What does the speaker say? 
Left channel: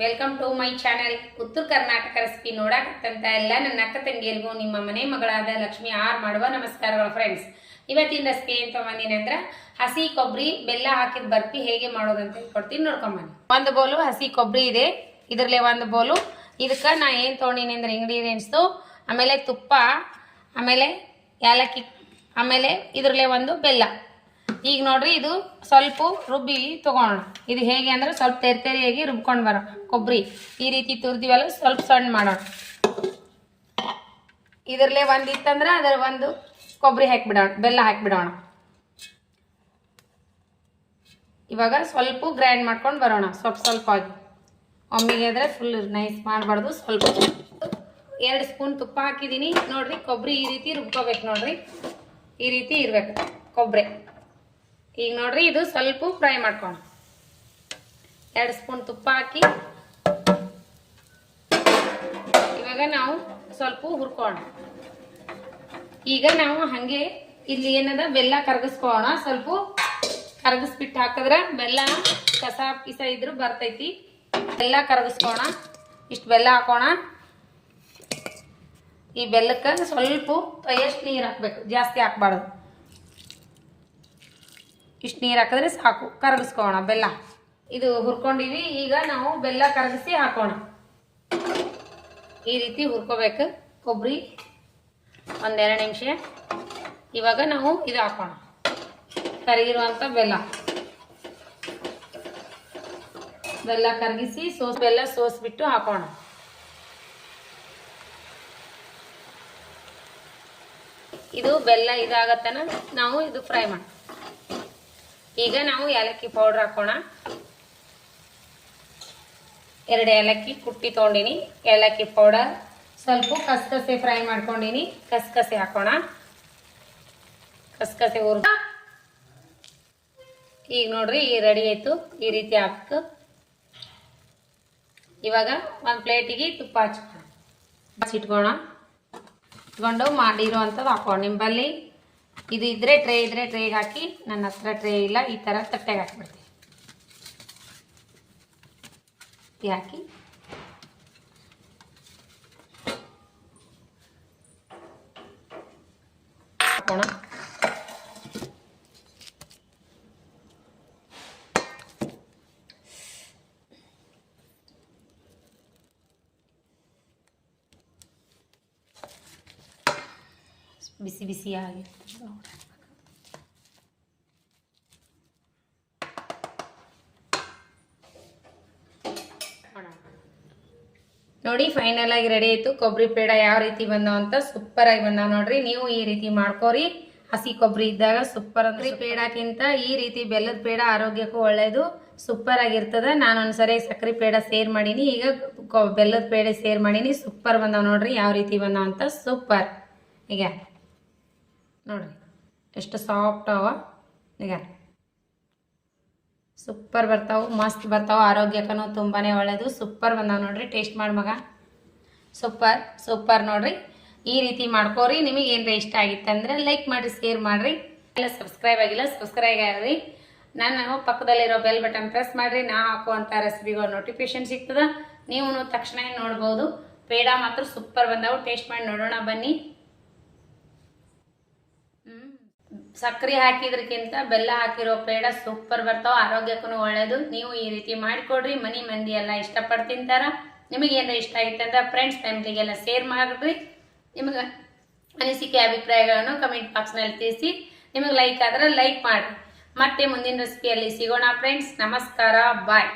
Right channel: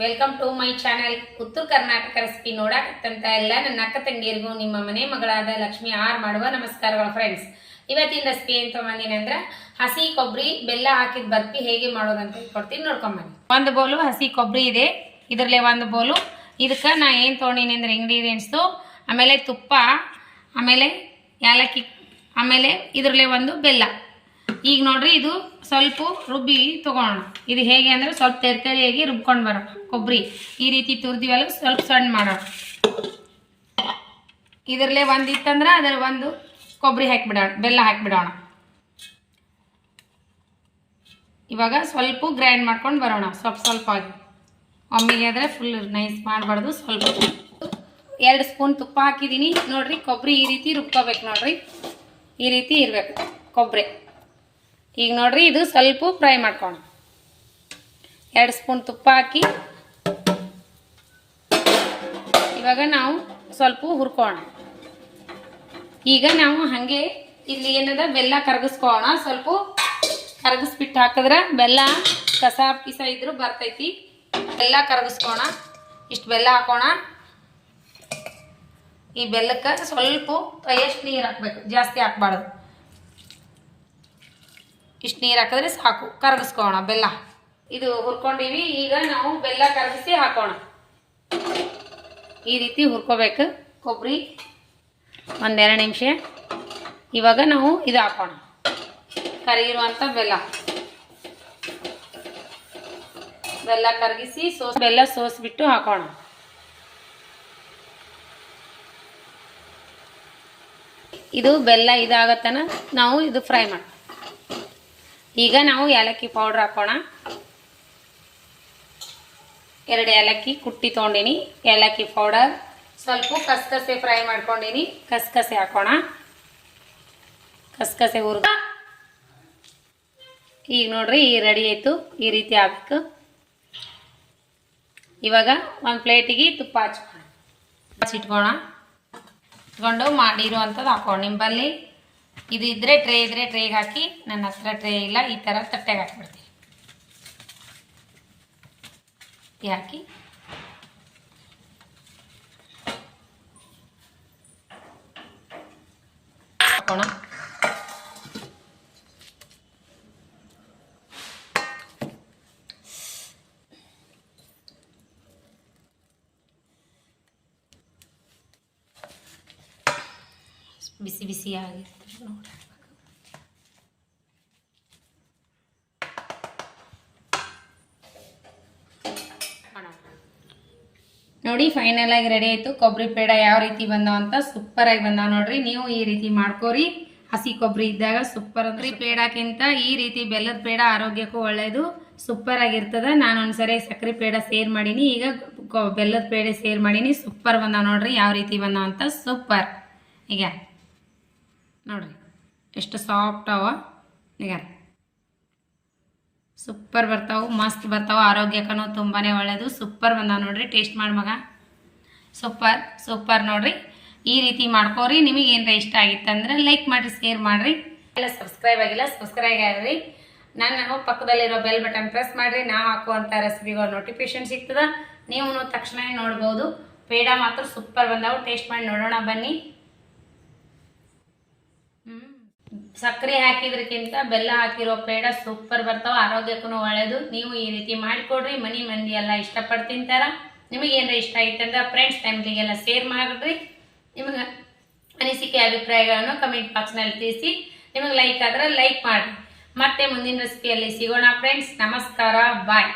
Welcome to my channel ಉತ್ತರ Karnataka recipe ನೋಡಾಕತ್ತಂತ ಎಲ್ಲ ನನ್ನ ಅಕ್ಕ ತಂಗಿಯರಿಗೂ ನಿಮ್ಮ ಮನೆ ಮಗಳಾದ ಲಕ್ಷ್ಮಿ ಆರ್ ಮಾಡುವ ನಮಸ್ಕಾರಗಳು ಫ್ರೆಂಡ್ಸ್. ಇವತ್ತಿನ ರೆಸಿಪಿ ಏನು ತೊಗೊಂಬಂದಿನಿ ಅಂದ್ರೆ ಹಸಿ ಕೊಬ್ಬರಿ ಬೆಲ್ಲ ಹಾಕಿದ ಬರ್ಫಿ ಹೇಗೆ ಮಾಡೋದಂತ ಹೇಳ್ಕೊಡ್ತೀನಿ, ನೋಡ್ಕೊಂಬನ್ನಿ. ಒಂದು ಬೋಲು ಹಸಿ ಕೊಬ್ಬರಿ ಇದೆ, ಇದರಲ್ಲೇ ಒಂದು ಬೋಲು. ಇದಕ್ಕೆ ನಾ ಏನು ತೊಗೊಂಡಿನಿ ಅಂದ್ರೆ ಇಂಗ್ರೀಡಿಯೆಂಟ್ಸು, ಆಮೇಲೆ ತುಪ್ಪ, ಆಮೇಲೆ ಏಲಕ್ಕಿ, ಆಮೇಲೆ ಇದರಲ್ಲೇ ಒಂದು ಬೆಲ್ಲ. ಈಗ ನೋಡ್ರಿ, ಇದು ಸ್ವಲ್ಪ ರುಬ್ಬಿ ತಗೋಣ. ಇದು ಹೇಗೆ ಅಂದ್ರೆ ಸ್ವಲ್ಪ ತೆರೆಯಾಗಿ ರುಬ್ಕೊಂಡು ಬರೋಣ. ಕೊಬ್ಬರಿ ಈ ರೀತಿ ತುರಿದಿವಲ್ಲ, ಸ್ವಲ್ಪ ಸಣ್ಣ ಮಾಡೋಣ. ಇದರಲ್ಲೇ ಒಂದಿತ್ತಂದ್ರೆ ಅದರ ಒಂದು ಕೊಬ್ಬರಿ ಹಾಕಿಬಿಡೋಣ, ಬೆಲ್ಲ ಹಾಕಿಬಿಡೋಣ. ಇವಾಗ ಸ್ವಲ್ಪ ಗ್ರೈಂಡ್ ಮಾಡ್ಕೊಂಡು ಬರೋಣ, ಸ್ವಲ್ಪ ಆಗಿ. ಒಮ್ಮೆಗೆ ಆದರೆ ಫುಲ್ ನೈಸ್ ಮಾಡಬಾರ್ದು. ಸ್ವಲ್ಪ 2 ಸ್ಪೂನ್ ತುಪ್ಪ ಹಾಕಿದ್ದೀನಿ ನೋಡ್ರಿ. ಕೊಬ್ಬರಿ ಈ ರೀತಿ ರುಬ್ಕೋಬೇಕು ನೋಡ್ರಿ, ಈ ರೀತಿ ಇರಬೇಕು ಕೊಬ್ಬರಿ. ಈಗ ನೋಡ್ರಿ, ಇದು ಸ್ವಲ್ಪ ಫ್ರೈ ಮಾಡ್ಕೋಣ. 2 ಸ್ಪೂನ್ ತುಪ್ಪ ಹಾಕಿ ಇವಾಗ ನಾವು ಸ್ವಲ್ಪ ಹುರ್ಕೋಣ. ಈಗ ನಾವು ಹಾಗೆ ಇಲ್ಲಿ ಏನದ ಬೆಲ್ಲ ಕರಗಿಸ್ಕೋಣ. ಸ್ವಲ್ಪ ಕರಗಿಸ್ಬಿಟ್ಟು ಹಾಕಿದ್ರೆ ಬೆಲ್ಲ ಕಸ ಪಿಸ ಇದ್ರೂ ಬರ್ತೈತಿ. ಬೆಲ್ಲ ಕರಗಿಸ್ಕೋಣ. ಇಷ್ಟು ಬೆಲ್ಲ ಹಾಕೋಣ. ಈ ಬೆಲ್ಲಕ್ಕೆ ಸ್ವಲ್ಪ ಎಷ್ಟು ನೀರು ಹಾಕ್ಬೇಕು, ಜಾಸ್ತಿ ಹಾಕ್ಬಾರ್ದು. ಇಷ್ಟು ನೀರು ಹಾಕಿದ್ರೆ ಸಾಕು. ಕರಗಿಸ್ಕೋಣ ಬೆಲ್ಲ. ಇದು ಹುರ್ಕೊಂಡಿವಿ. ಈಗ ನಾವು ಬೆಲ್ಲ ಕರಗಿಸಿ ಹಾಕೋಣ. ಈ ರೀತಿ ಹುರ್ಕೋಬೇಕು ಕೊಬ್ಬರಿ 1-2 ನಿಮಿಷ. ಇವಾಗ ನಾವು ಇದು ಹಾಕೋಣ, ಕರಗಿರುವಂಥ ಬೆಲ್ಲ. ಬೆಲ್ಲ ಕರಗಿಸಿ ಬೆಲ್ಲ ಸೋಸ್ಬಿಟ್ಟು ಹಾಕೋಣ. ಇದು ಬೆಲ್ಲ ಇದಾಗತ್ತನ ನಾವು ಇದು ಫ್ರೈ ಮಾಡೋಣ. ಈಗ ನಾವು ಏಲಕ್ಕಿ ಪೌಡ್ರ್ ಹಾಕೋಣ. 2 ಏಲಕ್ಕಿ ಕುಟ್ಟಿ ತೊಗೊಂಡಿನಿ. ಏಲಕ್ಕಿ ಪೌಡರ್, ಸ್ವಲ್ಪ ಕಸಕಸೆ ಫ್ರೈ ಮಾಡ್ಕೊಂಡಿನಿ. ಕಸಕಸೆ ಹಾಕೋಣ. ಕಸಕಸೆ ಹುರಿದು ಈಗ ನೋಡ್ರಿ, ಈ ರೆಡಿ ಆಯ್ತು. ಈ ರೀತಿ ಹಾಕಬೇಕು. ಇವಾಗ ಒಂದು ಪ್ಲೇಟಿಗೆ ತುಪ್ಪ ಹಚ್ಚಿಟ್ಕೋಣ. ಇಟ್ಕೊಂಡು ಮಾಡಿರುವಂಥದ್ದು ಹಾಕೋಣ. ನಿಂಬಲ್ಲಿ ಇದು ಇದ್ರೆ ಟ್ರೇ ಇದ್ರೆ ಟ್ರೇಗೆ ಹಾಕಿ. ನನ್ನ ಹತ್ರ ಟ್ರೇ ಇಲ್ಲ, ಈ ಥರ ತಟ್ಟೆಗೆ ಹಾಕ್ಬಿಡ್ತೀವಿ. ಹಾಕಿ ಹಾಕೋಣ. ಬಿಸಿ ಬಿಸಿ ಆಗಿ ನೋಡಿ, ಫೈನಲ್ ಆಗಿ ರೆಡಿ ಆಯ್ತು. ಕೊಬ್ಬರಿ ಪೇಡ ಯಾವ ರೀತಿ ಬಂದಾವ ಅಂತ ಸೂಪರ್ ಆಗಿ ಬಂದಾವ ನೋಡ್ರಿ. ನೀವು ಈ ರೀತಿ ಮಾಡ್ಕೋರಿ. ಹಸಿ ಕೊಬ್ಬರಿ ಇದ್ದಾಗ ಸೂಪರ್ ಅಂದ್ರೆ ಪೇಡಕ್ಕಿಂತ ಈ ರೀತಿ ಬೆಲ್ಲದ ಪೇಡ ಆರೋಗ್ಯಕ್ಕೂ ಒಳ್ಳೇದು, ಸೂಪರ್ ಆಗಿರ್ತದ. ನಾನು ಒಂದ್ಸರಿ ಸಕ್ಕರೆ ಪೇಡ ಸೇರ್ ಮಾಡೀನಿ, ಈಗ ಬೆಲ್ಲದ ಪೇಡ ಸೇರ್ ಮಾಡೀನಿ. ಸೂಪರ್ ಬಂದಾವ ನೋಡ್ರಿ, ಯಾವ ರೀತಿ ಬಂದಾವ ಅಂತ ಸೂಪರ್. ಈಗ ನೋಡ್ರಿ ಎಷ್ಟು ಸಾಫ್ಟ್ ಅವ. ಈಗ ಸೂಪರ್ ಬರ್ತಾವೆ, ಮಸ್ತ್ ಬರ್ತಾವೆ. ಆರೋಗ್ಯಕ್ಕೂ ತುಂಬಾ ಒಳ್ಳೆಯದು. ಸೂಪರ್ ಬಂದಾವ ನೋಡ್ರಿ. ಟೇಸ್ಟ್ ಮಾಡಿ ಮಗ. ಸೂಪರ್ ನೋಡ್ರಿ. ಈ ರೀತಿ ಮಾಡ್ಕೋರಿ. ನಿಮಗೆ ಏನರ ಇಷ್ಟ ಆಗಿತ್ತಂದ್ರೆ ಲೈಕ್ ಮಾಡಿರಿ, ಶೇರ್ ಮಾಡಿರಿ. ಎಲ್ಲ ಸಬ್ಸ್ಕ್ರೈಬ್ ಆಗಿಲ್ಲ, ಸಬ್ಸ್ಕ್ರೈಬ್ ಆಗಿರಿ. ನಾನು ಪಕ್ಕದಲ್ಲಿರೋ ಬೆಲ್ ಬಟನ್ ಪ್ರೆಸ್ ಮಾಡಿರಿ. ನಾ ಹಾಕುವಂಥ ರೆಸಿಪಿಗಳು ನೋಟಿಫಿಕೇಶನ್ ಸಿಗ್ತದೆ, ನೀವು ತಕ್ಷಣ ನೋಡ್ಬೋದು. ಪೇಡ ಮಾತ್ರ ಸೂಪರ್ ಬಂದಾವು. ಟೇಸ್ಟ್ ಮಾಡಿ ನೋಡೋಣ ಬನ್ನಿ. ಸಕ್ಕರೆ ಹಾಕಿದ್ರಕ್ಕಿಂತ ಬೆಲ್ಲ ಹಾಕಿರೋ ಪೇಡ ಸೂಪರ್ ಬರ್ತಾವ, ಆರೋಗ್ಯಕ್ಕೂ ಒಳ್ಳೇದು. ನೀವು ಈ ರೀತಿ ಮಾಡಿಕೊಡ್ರಿ. ಮನೆ ಮಂದಿ ಎಲ್ಲ ಇಷ್ಟಪಟ್ಟು ತಿಂತಾರ. ನಿಮಗೆ ಏನಾರ ಇಷ್ಟ ಆಗಿತ್ತಂದ್ರೆ ಫ್ರೆಂಡ್ಸ್ ಫ್ಯಾಮಿಲಿಗೆಲ್ಲ ಶೇರ್ ಮಾಡಿರಿ. ನಿಮಗೆ ಅನಿಸಿಕೆ ಅಭಿಪ್ರಾಯಗಳನ್ನು ಕಮೆಂಟ್ ಬಾಕ್ಸ್ನಲ್ಲಿ ತಿಳಿಸಿ. ನಿಮಗೆ ಲೈಕ್ ಆದರೆ ಲೈಕ್ ಮಾಡಿರಿ. ಮತ್ತೆ ಮುಂದಿನ ರೆಸಿಪಿಯಲ್ಲಿ ಸಿಗೋಣ ಫ್ರೆಂಡ್ಸ್. ನಮಸ್ಕಾರ, ಬಾಯ್.